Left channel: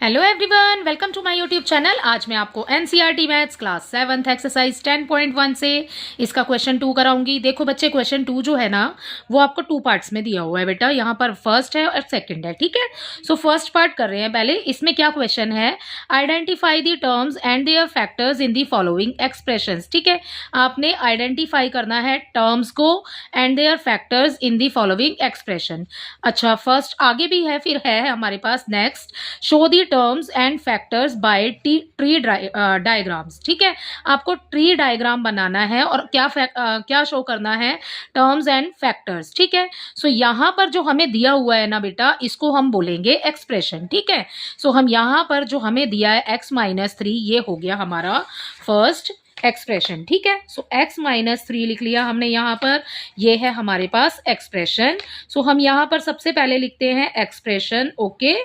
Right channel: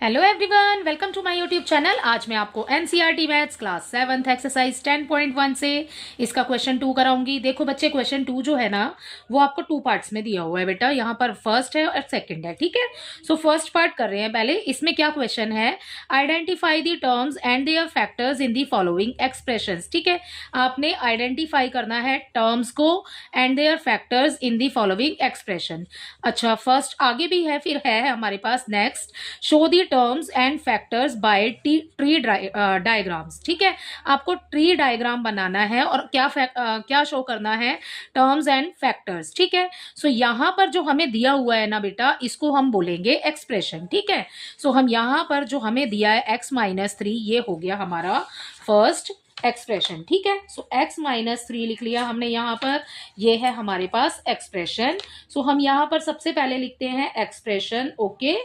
Hello everyone, welcome to my YouTube channel. आज मैं आपको NCERT maths class 7th exercise 10.1 से इसका क्वेश्चन 2 कराऊंगी। देखो बच्चे, क्वेश्चन 2 जो है ना वो आपको 2 पार्ट्स में दिया हुआ है बेटा। यहाँ पर फर्स्ट है और सेकंड है, ठीक है। सो फर्स्ट पार्ट कर रहे हैं पहले। इसमें क्या क्वेश्चन है, identify the terms and their factors in the following expressions. ठीक है, आपने आइडेंटिफाई करना है टर्म्स को and their factors in the following expression. अच्छा, फर्स्ट आगे भी है, फिर है हमारे पास next, show the terms and factors by tree diagrams. ठीक है, आपको ट्री डायग्राम बनाना है और क्या शो करना है, टर्म्स एंड फैक्टर्स। ठीक है, सो यहाँ पर जो हमें दिया हुआ है ना बेटा, इसको हम बोलेंगे एक्सप्रेशन। ठीक है, सो हम यहाँ पर जो हमें दिया है x-3, ये हो गया हमारा फर्स्ट एक्सप्रेशन। ठीक है, सो x-3 लिख लिया हमने यहाँ पर, ये है हमारे पास एक्सप्रेशन। सो हम यहाँ पर सबसे पहले लिखते हैं एक्सप्रेशन। ओके,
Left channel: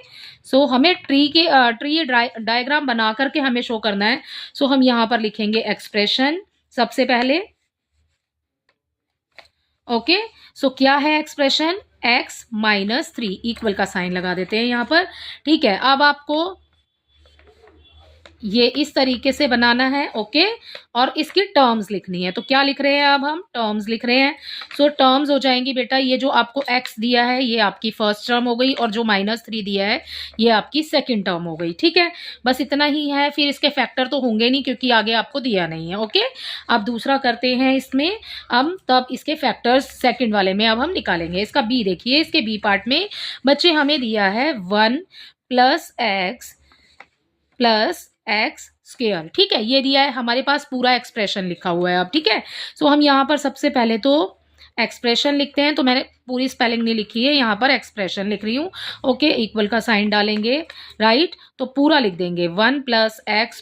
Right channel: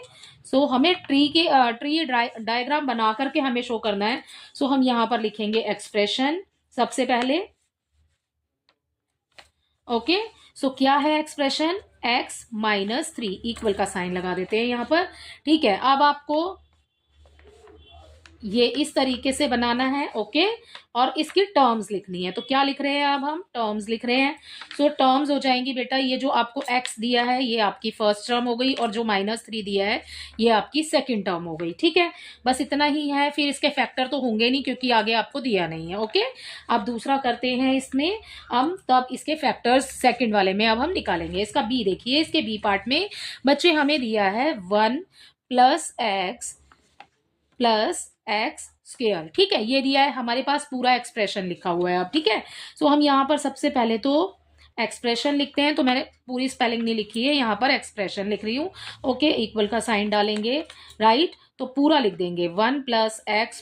सो हमें ट्री डायग्राम बना करके हमें शो करना है। सो हम यहाँ पर लिखेंगे एक्सप्रेशन सबसे पहले। ओके, सो क्या है एक्सप्रेशन, x-3 इक्वल का साइन लगा देते हैं यहाँ पर। ठीक है, अब आपको ये इस तरीके से बनाना है। ओके, और इसकी टर्म्स लिखनी है। तो क्या लिख रहे हैं, अब हम टर्म्स लिख रहे हैं। सो टर्म्स हो जाएंगी बेटा, ये जो आपको x दिया है ये आपकी फर्स्ट टर्म हो गई, और जो -3 दिया है ये आपकी सेकंड टर्म हो गई। ठीक है, बस इतना ही है। फिर इसके फैक्टर तो होंगे नहीं क्योंकि आगे आपको दिया नहीं है। ओके, अब दूसरा करते हैं इसमें हम, तब इसके फैक्टर्स सेकंड वाले में अब हम निकालेंगे। इसका बी देखिए, इसके बी पार्ट में बच्चे हमें दिया है 1 + x स्क्वायर। ठीक है, ये दिया है हमारे पास, पूरा एक्सप्रेशन लिखा हुआ है अब। ठीक है, सो हम यहाँ पर सबसे पहले तो एक्सप्रेशन लिखते हैं। तो मैंने पूरी स्पेलिंग नहीं लिखी है, यहाँ पर एक्सप्रेशन लिख रही हूँ। ओके, इक्वल का साइन डालेंगे, राइट, तो पूरा लिख देंगे 1 + x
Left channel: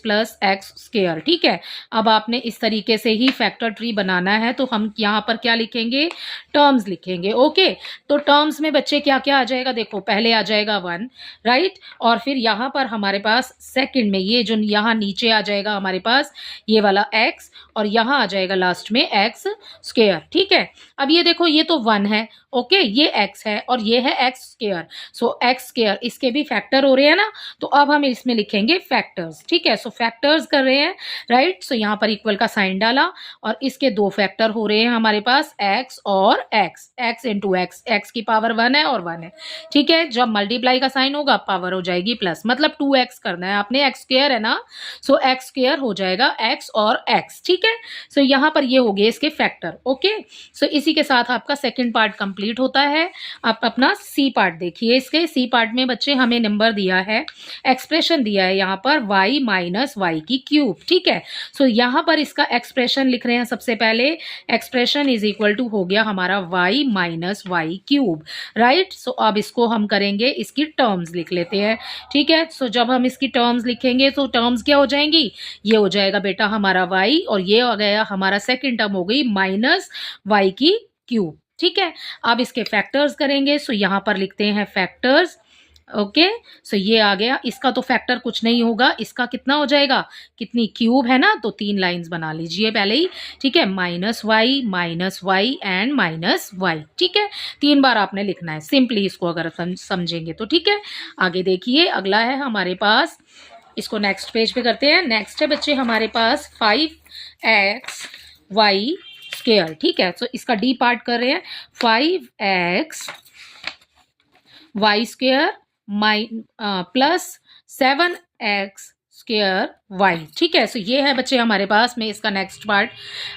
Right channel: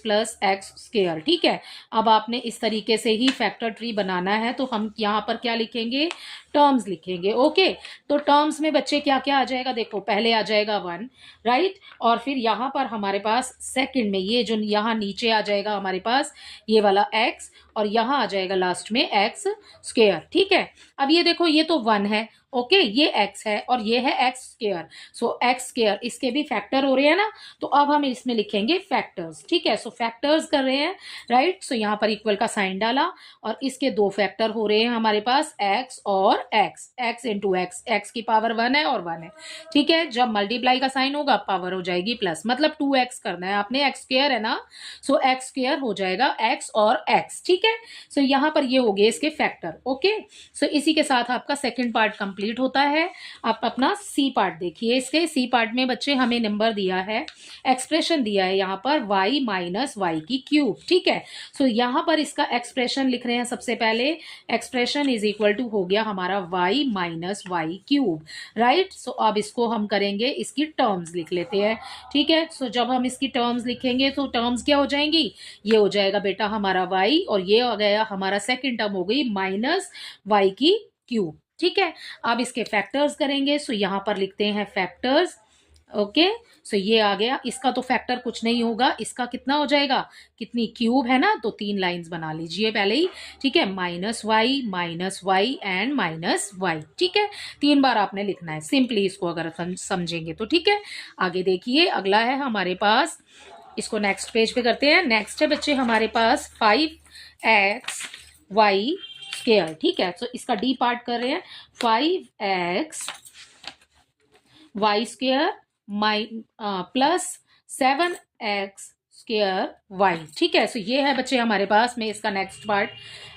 स्क्वायर। ठीक है, अब आपने इस तरीके से ही फैक्टर ट्री बनाना है। तो हम यहाँ पर क्या लिखेंगे, टर्म्स लिखेंगे। ओके, तो टर्म्स में बच्चे क्या क्या आ जाएगा, देखो पहले आ जाएगा 1, राइट, और फिर यहाँ पर हमारे पास सेकंड में ये जो यहाँ नीचे आ जाएगा हमारे पास ये वाला x, और यहाँ आ जाएगा लास्ट में x स्क्वायर। ठीक है, अब ये देखो ये तो 1 है। ओके, ये x है और ये है x स्क्वायर। सो x स्क्वायर इसके भी फैक्टर हो रहे हैं ना, तो अब हम इसमें लिखेंगे फैक्टर्स। ठीक है, सो फैक्टर्स कर रहे हैं, राइट। सो यहाँ पर इक्वल का साइन डाला, और इसके दो फैक्टर हो रहे हैं हमारे पास x और x इंटू x की पावर 1 है और 1 है। ठीक है, जब मल्टीप्लाई का साइन होगा पावर हो जाएगी प्लस, मतलब 2x करना है आपने, x स्क्वायर है ना, सो x स्क्वायर हो जाएगा x और x। ठीक है, सो यहाँ पर ये हो गए इसके फैक्टर। ओके, सो इसी के साथ आपका सेकंड पार्ट कंप्लीट होता है। आप अपना सी पार्ट देखिए। इसके सी पार्ट में बच्चे हमें नंबर दिया है, एक्सप्रेशन दिया है यहाँ पर y-y3। ठीक है, सो यहाँ पर इसका एक्सप्रेशन लिख रहे हैं सबसे पहले। एक्सप्रेशन इज इक्वल टू हो गया हमारा y-y3, राइट। सो अब इसको हम करेंगे, इसकी टर्म्स लिख लेते हैं। ठीक है, सो जब हम इसकी टर्म्स लिखेंगे तो टर्म्स क्या हो जाएंगी, ये हो जाएगा बेटा हमारा y, और ये आ गया हमारा सेकंड टर्म हो गई -y3। ठीक है, अब इसके फैक्टर्स करेंगे। सो यहाँ पर लिखते हैं फैक्टर्स। ओके, सो ये आ गया, इसका तो फैक्टर कुछ नहीं होगा, इसका कितना हो जाएगा, कितनी क्यूब है ना, तो 3 लाइंस बना लीजिए पहले ही। ठीक है, -y एंड -y। ठीक है, 3 बार आपने लिखना है सिंपली इसको, अगर समझेंगे तो। ठीक है, आगे देखिए, अगला है हमारे पास, इसको नेक्स्ट पेज पे करते हैं। नेक्स्ट है बच्चे हमारे पास 5xy स्क्वायर। ठीक है, तो इसका डी पार्ट कर रहे हैं, 5xy square plus 7x square y। ठीक है, सो ये है बच्चे हमारे पास में इसका नेक्स्ट पार्ट।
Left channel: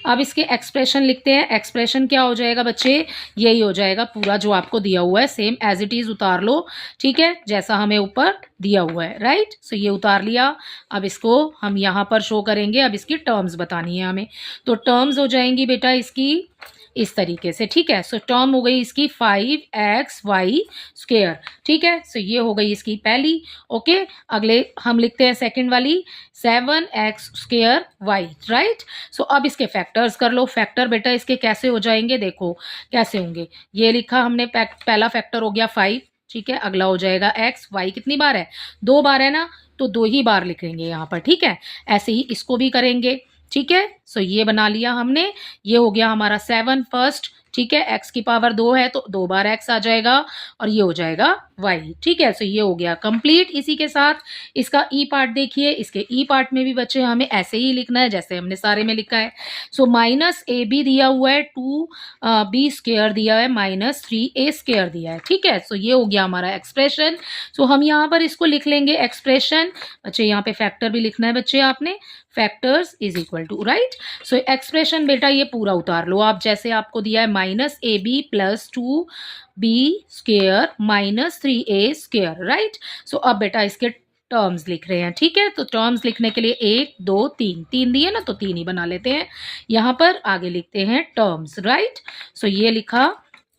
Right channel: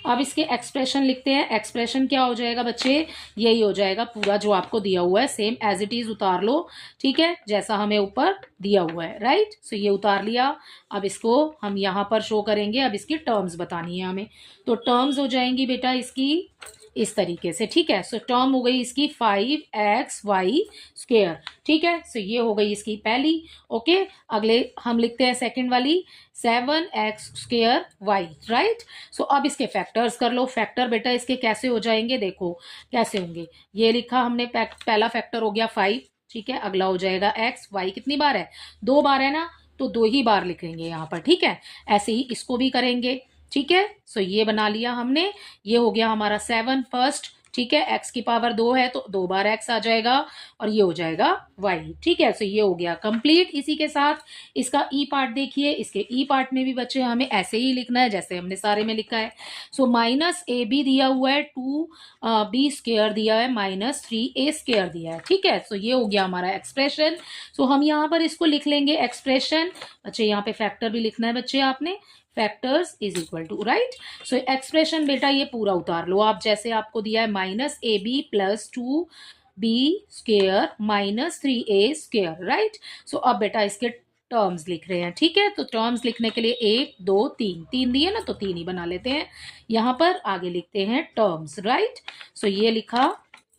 अब इसके एक्सप्रेशन लिखते हैं। एक्सप्रेशन क्या हो जाएगा बच्चे, यही हो जाएगा पूरा जो आपको दिया हुआ है, सेम एज इट इज उतार लो। ठीक है, जैसा हमें ऊपर दिया हुआ है, राइट। सो ये उतार लिया, अब इसको हम यहाँ पर शो करेंगे। अब इसकी टर्म्स बतानी है हमें, तो टर्म्स हो जाएंगी बेटा इसकी इस तरीके से। ठीक है, सो टर्म हो गई इसकी 5xy स्क्वायर। ठीक है, सो ये हो गई इसकी पहली। ओके, अगले हम लिखते हैं सेकंड वाली, 7x square y, right. So अब इसके फैक्टर्स कर लो। फैक्टर बेटा इसके कैसे हो जाएंगे, देखो कैसे होंगे। ये लिखा हमने, पहला फैक्टर हो गया 5। ठीक है, अगला हो जाएगा x, y कितनी बार है, 2 बार है ना, तो 2 ही बार लिखेंगे यहाँ पर। ठीक है, ऐसे ही इसको भी करेंगे। ठीक है, सो ये बना लिया हमने, ये हो गया हमारा 7 फर्स्ट। ठीक है, x की पावर 2 है तो 2 बार x आ जाएगा, और ये हो जाएगा वाई। ठीक है, सो ये हो गया कंप्लीट। इसी के साथ इसका ई पार्ट देखिए, इसके ई पार्ट में भी बच्चे हमें ऐसे ही लिखना है जैसे हमने सारे में लिखा है। सो माइनस ए बी दिया हुआ है, 2b स्क्वायर दिया है, माइनस 3a स्क्वायर दिया है। ठीक है, सो ये हो गया हमारा एक्सप्रेशन। सो हम यहाँ पर इसको लिख लेंगे एक्सप्रेशन। बच्चे यहाँ पे फैक्टर भी लिखना है बच्चे आपने, factors is equal to, right. So expression बेटा ये पूरा उतार लो आप, जैसे आपको दिया है minus A B plus 2b square minus 3a square, right. So अब बेटा इसके टर्म्स लिख रहे हैं। ठीक है, तो टर्म्स लिखने के लिए 1 2 3 3 दिए ना, तो 3 ही बना लेते हैं। यहाँ पर आगे लिखते हैं टर्म्स, राइट। सो ये लिखा,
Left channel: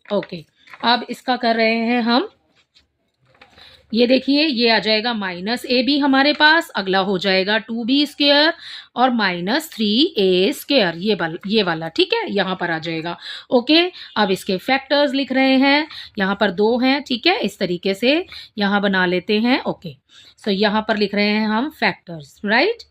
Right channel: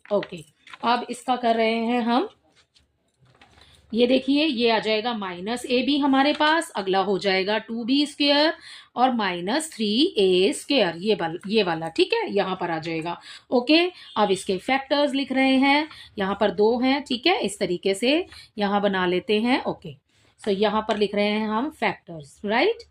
ओके। अब इसका कर रहे हैं हम, ये देखिए ये आ जाएगा माइनस ए बी हमारे पास, अगला हो जाएगा 2b स्क्वायर और माइनस 3a स्क्वायर, ये वाला। ठीक है, यहाँ पर आ जाएगा। ओके, अब इसके फैक्टर्स लिख रहे हैं, यहाँ पर 2 हैं। ठीक है, इस तरीके से यहाँ बना लेते हैं। ओके, सो यहाँ पर लिख रहे हैं हम फैक्टर्स, राइट।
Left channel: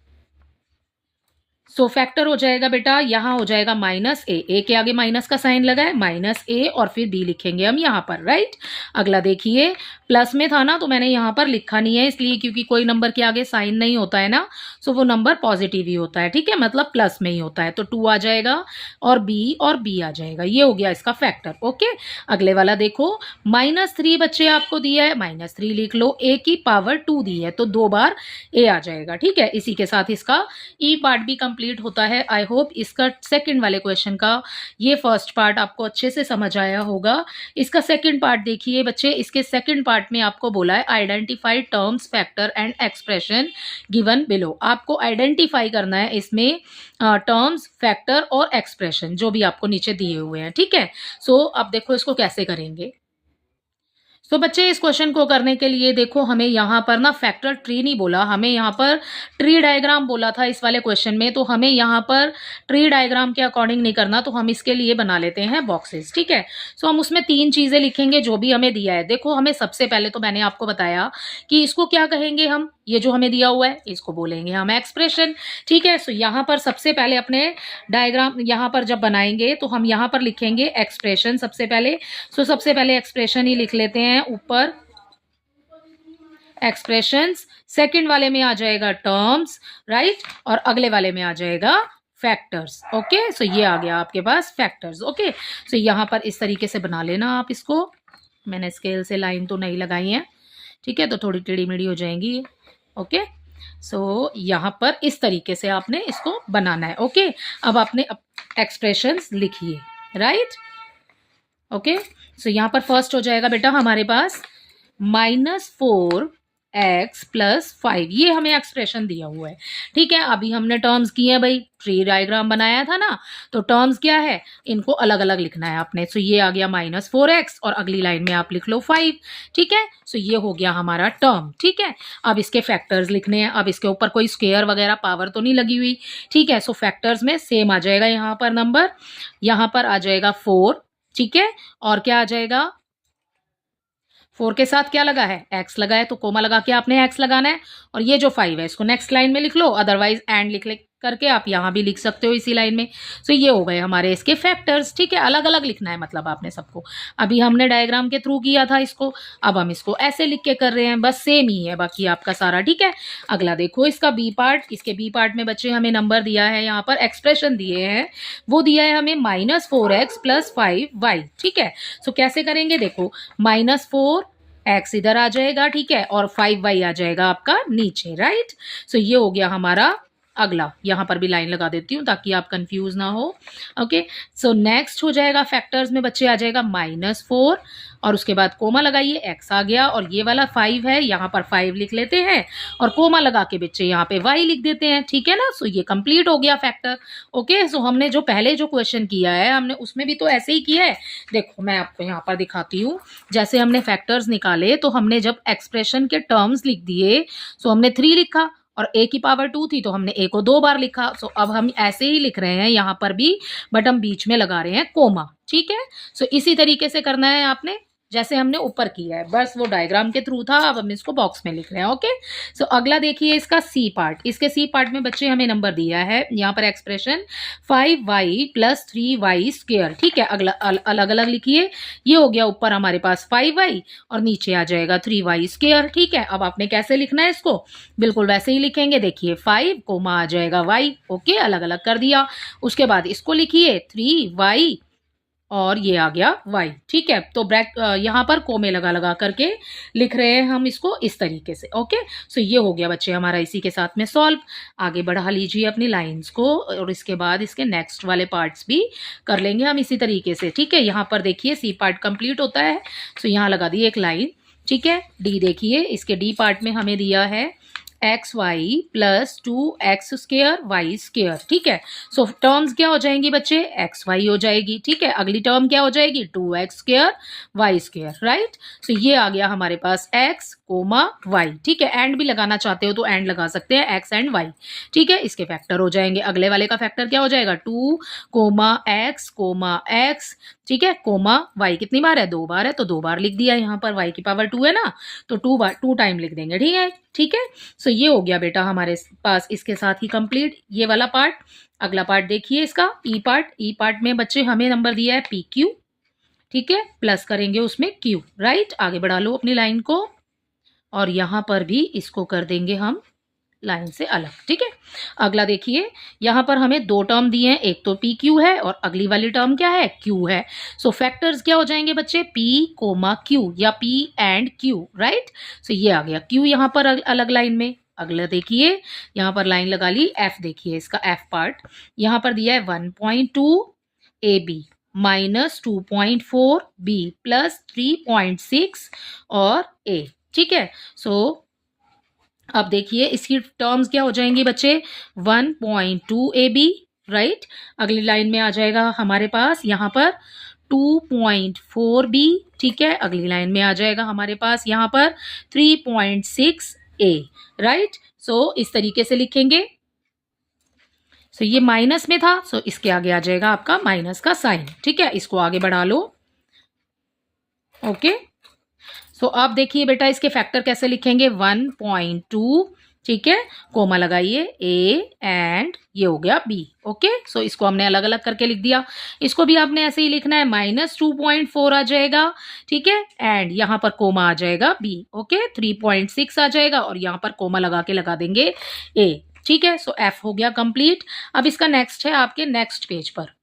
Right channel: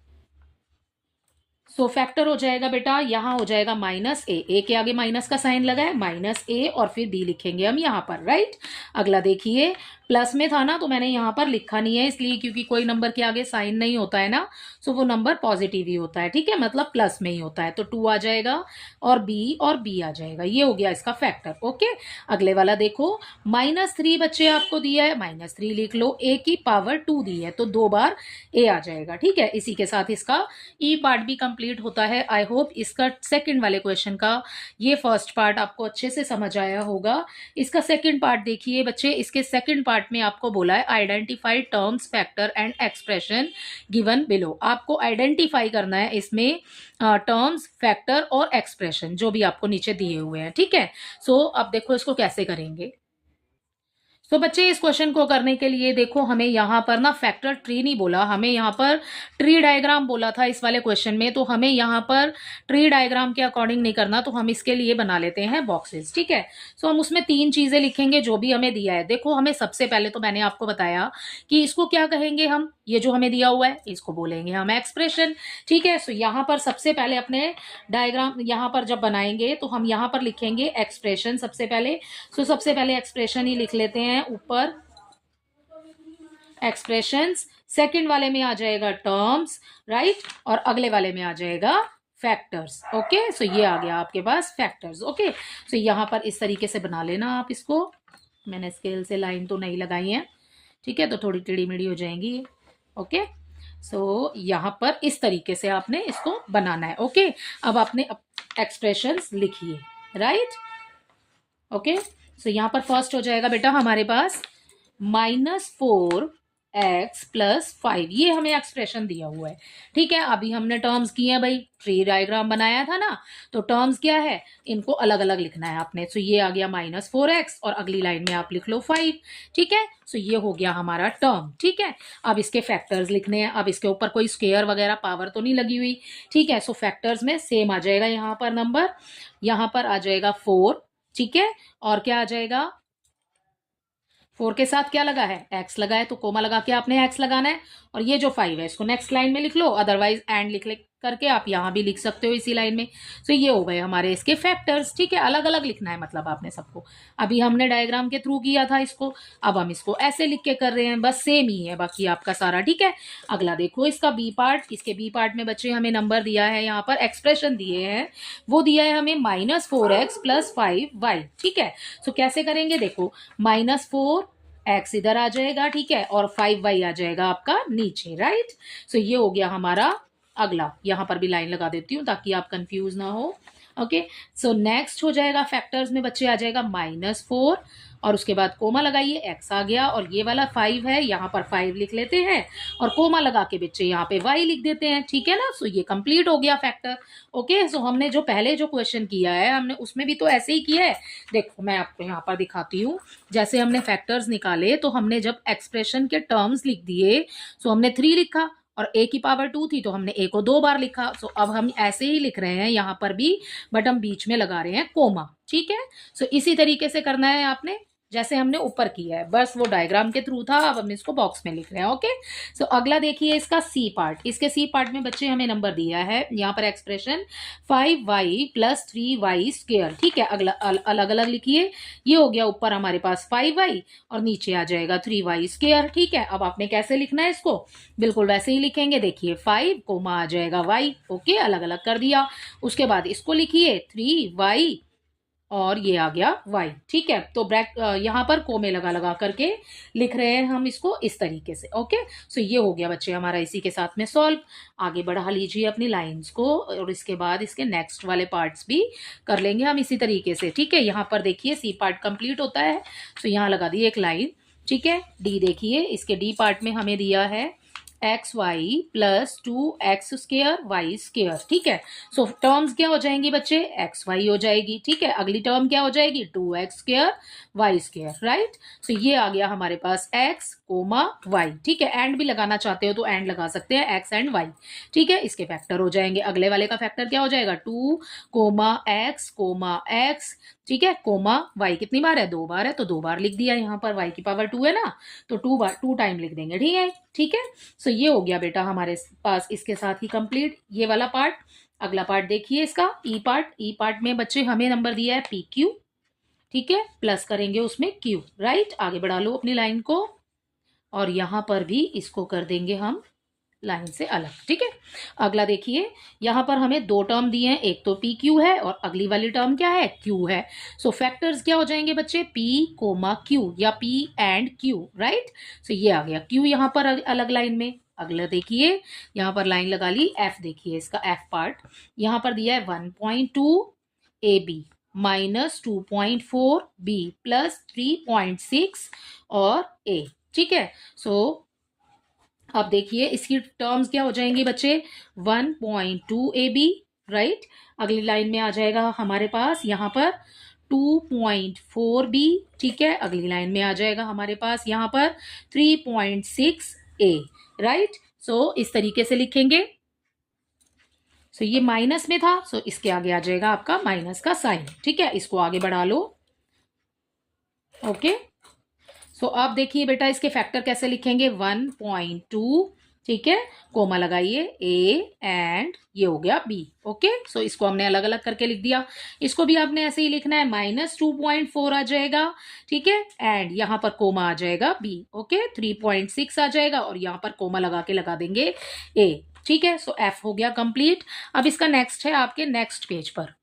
सो फैक्टर हो जाएगा बेटा, यहाँ हो जाएगा माइनस ए के आगे माइनस का साइन लगा है, माइनस ए और फिर बी लिखेंगे हम यहाँ पर, राइट। अगला देखिए, प्लस में था ना तो मैंने यहाँ पर लिखा नहीं है, इसलिए क्योंकि कोई नंबर के आगे साइन नहीं होता है ना, सो वो नंबर पॉजिटिव ही होता है। ठीक है, मतलब प्लस में ही होता है, तो 2 आ जाएगा और बी आ जाएगा। ये हो गया इसका फैक्टर। ओके, अगले वाला देखो, माइनस 3 बच्चे आपको दिया है, माइनस 3 लिख लो, ए की पावर 2 दी है तो 2 बार ए आ जाएगा। ठीक है, इसी के साथ इसका ई पार्ट भी कंप्लीट होता है। आई होप इसका सेकंड वाले क्वेश्चन का ये फर्स्ट पार्ट आपको अच्छे से समझ आया होगा। इसका सेकंड पार्ट देखिए बच्चे, इसके सेकंड पार्ट में आपको बोला है identify terms factor and expression given below. आपको आइडेंटिफाई करना है इसमें टर्म्स फैक्टर और एक्सप्रेशन जो भी आपको नीचे दिए हुए हैं। ठीक है, सो अब देखो इसको कैसे करेंगे। तो बच्चे इस क्वेश्चन को करने के लिए देखो, हमें यहाँ पर ना फैक्टर ट्री नहीं बोला, हमें यहाँ पर ट्री डायग्राम बोला था इस वाले क्वेश्चन में। तो हमें यहाँ पर ट्री डायग्राम के अकॉर्डिंग नहीं करना, तो हम इसके लिए बना लेते हैं बॉक्सेस। ठीक है, सो हम उसमें 3 चीजें लिखेंगे जो भी हमें दिया है। देखो हमें सबसे पहले तो मैंने आपको बताया कि इसको क्या कहेंगे हम, ये जो हमें दिया हुआ है इसको बोलेंगे हम एक्सप्रेशन। ठीक है, सो यहाँ पर सबसे पहले अपने डायग्राम यहाँ पर जब बनाएंगे तो हम यहाँ पर लिखेंगे एक्सप्रेशन सबसे पहले। सो सबसे पहले एक्सप्रेशन ही लिख लेते हैं ऊपर, एक्सप्रेशंस। सेकंड वाले में आ जाएगा टर्म्स, राइट, और अगले वाले में आ जाएगा फैक्टर्स। ओके, सो ये आ गया आपके पास फैक्टर्स। ओके, सो यहाँ पर इस तरीके से बना लेना आप इसको। मैंने स्केल से लाइन तो नहीं लगाई है, ठीक है, तो थोड़ी टेढ़ी मेढ़ी हो जाएंगी। ओके, सो यहाँ पर इस तरीके से आपने इसको बनाना है। ओके, अब आपने एक्सप्रेशंस लिखिए, राइट। ओके, सो यहाँ पर फर्स्ट हो जाएगा बेटा हमारे पास -4x + 5, ये हमें एक्सप्रेशन दिया हुआ है। ठीक है, अभी हमने टर्म्स किए हैं भाई, ट्री डायग्राम बनाया था ना, तो टर्म्स क्या है, इनको अलग अलग लिखना है आपने। सो ये आ गया -4x और अगली लाइन में आप लिख लो 5। ठीक है, सो ये हो गया हमारा टर्म। ठीक है, अब इसके फैक्टर्स लिखने हैं। अब इसके ऊपर कोई स्क्वायर वगैरह पावर तो नहीं लगी हुई। ठीक है, सो फैक्टर्स में सेम आ जाएगा, यहाँ पर नंबर, यहाँ पर आ जाएगा 4। ठीक है, और क्या आ जाएगा, 4 के साथ क्या लगा है, x लगा है, तो कोमा लगा के आपने x लगाना है। और ये जो 5 है इसको नेक्स्ट लाइन में लिख लो, अदरवाइज एंड लिख करके आप यहाँ भी लिख सकते हो इसी लाइन में। सो ये हो गए हमारे इसके फैक्टर्स। ठीक है, अलग अलग लिखना है मतलब आपने सबको। अभी हमने डायग्राम के थ्रू किया था इसको, अब हम इसको ऐसे लिख के कर रहे हैं, बस सेम ही है बाकी आपका सारा। ठीक है, अगला देखो इसका बी पार्ट। इसके बी पार्ट में बच्चे हमें नंबर दिया है, यहाँ पर एक्सप्रेशन दिए हैं, वो दिया है हमें -4x + 5y। ठीक है, सो कैसे करेंगे देखो, -4x इधर आ जाएगा, ठीक है, और 5y आ जाएगा आपका नीचे, राइट। सो ये हो गया हमारा अगला। यहाँ पर भी लाइन लगा देती हूँ ताकि आप कंफ्यूज ना हो। ओके, सो नेक्स्ट हो जाएगा फैक्टर्स में बच्चे आ जाएगा -4 और उसके बाद कोमा लगाइए, x आ गया, और ये वाला 5 है, यहाँ पर 5 लिख लेते हैं और कोमा लगा के बच्चे यहाँ पे y लिख देते हैं। ठीक है ना, सो ये कंप्लीट हो गया फैक्टर। ओके, सो हमने जो पहले जो क्वेश्चन किया है हमने उसमें भी तो ऐसे ही किया है। देखो मैं आपको यहाँ पर दिखाती हूँ, जैसे हमने फैक्टर्स निकाले तो हमने जब एक्सप्रेशन के टर्म्स लिख दिए, सो हमने 3 लिखा और a की पावर 2 थी तो हमने a को 2 बार लिखा। सो अब हम ऐसे ही लिख रहे हैं यहाँ पर भी, बट हम बीच में लगा रहे हैं कोमा। ठीक है, सो इसी तरीके से करना है आपने जैसे हमने ऊपर किया है, बस वो डायग्राम के थ्रू था, अब हम इसको बॉक्स में लिख रहे हैं। ओके, सो अगला देखिए इसका सी पार्ट। इसके सी पार्ट में बच्चे हमें नंबर दिया है यहाँ पर एक्सप्रेशन 5y + 3y²। ठीक है, अगला अलग अलग लिखिए। ये हो गया ऊपर हमारे पास 5y और नीचे आ जाएगा 3y²। ठीक है, अब आपने कैसे लिखना है इसको, बिल्कुल वैसे ही लिखेंगे। देखिए 5 कोमा आ जाएगा y। ओके, अलग अलग कर दिया। उसके बाद इसको लिखिए 3y और ये आ गया y। ठीक है, तो यहाँ पर कोमे लगा लगा करके लिख रहे हैं हम इसको इस तरीके से। ओके, सो ये हो गया बच्चे हमारा इसी के साथ में सॉल्व। आगे बढ़ा लीजिए अपनी लाइंस को और इसके बाद इसके नेक्स्ट वाले पार्ट्स भी कर लेंगे हम इसी तरीके से। ठीक है, यहाँ पर देखिए सी पार्ट कंप्लीट होता है, सो यहाँ लगा दी एक लाइन। ठीक है, डी देखिए, इसके डी पार्ट में हमें दिया है xy + 2x² y²। ठीक है, सो टर्म्स क्या हो जाएंगी बच्चे, xy हो जाएगी। ठीक है, अगली टर्म क्या हो जाएगी 2x² y²। राइट, तो ये आ गया हमारे पास x, y। ठीक है, एंड भी लगाना चाहते हो तो एंड लगा सकते हैं, x एंड y। ठीक है, इसके फैक्टर हो जाएंगे। अगले वाले का फैक्टर क्या हो जाएगा 2, x। ठीक है, कोमा y कितनी बार है, 2 बार है, तो 2 बार लिख दिया। यहाँ पर y की पावर 2 है ना, तो 2 टाइम लिख देंगे। ठीक है, ठीक है, सो ये हो गया बेटा हमारे पास इसके साथ ही कंप्लीट ये वाला पार्ट। अगला पार्ट देखिए इसका ई पार्ट। ई पार्ट में बच्चे हमें नंबर दिया है PQ। ठीक है, प्लस करेंगे उसमें Q। राइट, आगे बढ़ा लो अपनी लाइन को और यहाँ पर भी इसको कर देंगे हम लाइन से अलग। ठीक है, अगला देखिए यहाँ पर हमें 2 टर्म दिए हैं, एक तो PQ है और अगली वाली टर्म क्या है Q है। सो फैक्टर्स क्या हो जाएंगे बच्चे P, Q या P एंड Q। राइट, सो ये आ गया Q यहाँ पर अलग लाइन में। अगला देखिए यहाँ पर लाइन लगा ली F। देखिए इसका F पार्ट यहाँ पर दिया है 1.2 AB - 2.4 B + 3.6 और A। ठीक है, सो अब देखिए इसकी टर्म्स क्या हो जाएंगी बच्चे 1.2 AB। राइट, अगली लाइन में आ जाएगा हमारे पास यहाँ पर 2.4 B। ठीक है, अगली लाइन में आ जाएगा हमारे पास यहाँ पर 3.6 A। राइट, सो इस तरीके से लिखेंगे। सो ये माइनस में था, सो इसके आगे आ जाएगा आपका माइनस का साइन। ठीक है, इसको आगे बढ़ा लो। ओके, तो अब देखिए बेटा इसके फैक्टर कैसे लिखेंगे 1.2। ठीक है, कोमा लगाइए A एंड ये हो गया B। ओके, सो इसको हमने अलग अलग करके लिख दिया। इसको भी आपने ऐसे ही लिखना है -2.4 आ जाएगा। ठीक है, एंड यहाँ पर कोमा आ जाएगा B। ओके, 3.6 आ जाएगा और यहाँ पर कोमा लगा के लगा देंगे A। ठीक है, सो F हो गया कंप्लीट। अब इसका नेक्स्ट है आपके नेक्स्ट पेज पर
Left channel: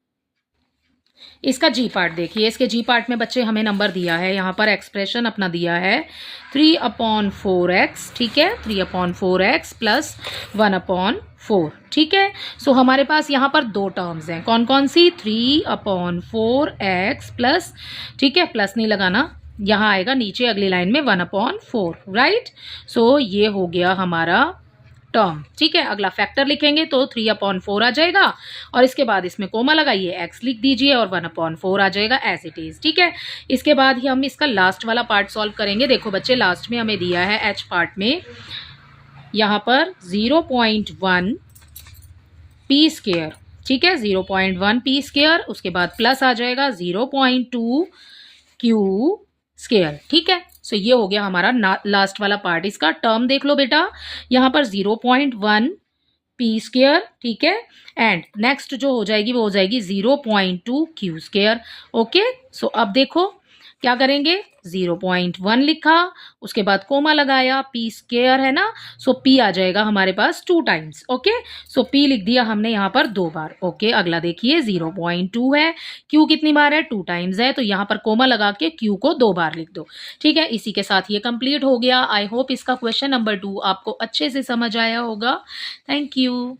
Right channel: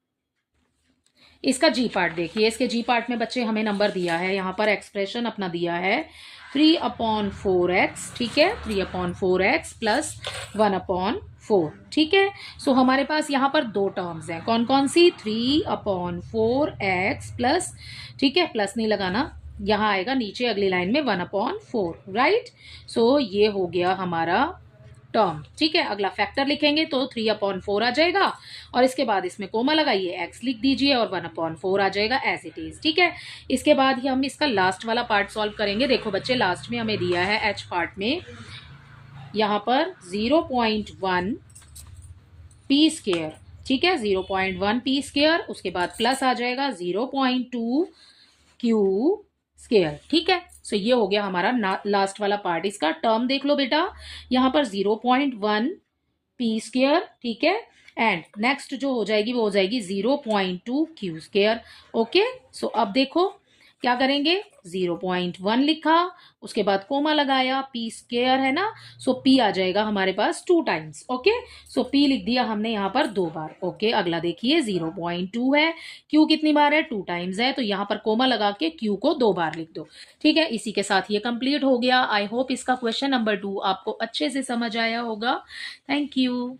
इसका जी पार्ट। देखिए इसके जी पार्ट में बच्चे हमें नंबर दिया है, यहाँ पर एक्सप्रेशन अपना दिया है 3/4x। ठीक है, 3/4x + 1/4। ठीक है, सो हमारे पास यहाँ पर 2 टर्म्स हैं, कौन कौन सी 3/4x प्लस, ठीक है प्लस नहीं लगाना, यहाँ आएगा नीचे अगली लाइन में 1/4। राइट, सो ये हो गया हमारा टर्म। ठीक है, अगला फैक्टर लिखेंगे तो 3/4 आ जाएगा और इसके बाद इसमें कोमा लगाइए, x लिख दीजिए और 1/4 आ जाएगा एज इट इज। ठीक है, इसके बाद ही हम इसका लास्ट वाला पार्ट सॉल्व करेंगे। देखो बच्चे लास्ट में हमें दिया है h पार्ट में यहाँ पर 0.1 p²। ठीक है, 0.1 p², उसके बाद प्लस आ जाएगा 0.2 q²। ठीक है, सो ये हो गया हमारा लास्ट वाला पार्ट। इसका टर्म देख लो बेटा, यहाँ पर 0.1 p²। ठीक है, एंड नेक्स्ट जो हो जाएगी वो हो जाएगी 0.2 q²। ओके, सो अब देखो क्या करेंगे 0.1 लिखा, उसके बाद कोमा लगाया, p² है ना, सो p आ जाएगा हमारे पास 2 टाइम्स। ओके, सो p लिख दिया हमने यहाँ पर 2 बार। ओके, अगला देखिए 0.2 है, q कितनी बार है 2 टाइम्स है, तो यहाँ पर कोमा लगा के q को 2 बार लिख दो। ठीक है, इसी के साथ ये कंप्लीट हो गया। आई होप इसका क्वेश्चन नंबर 2 आपको अच्छे से समझ आया होगा। Thank you.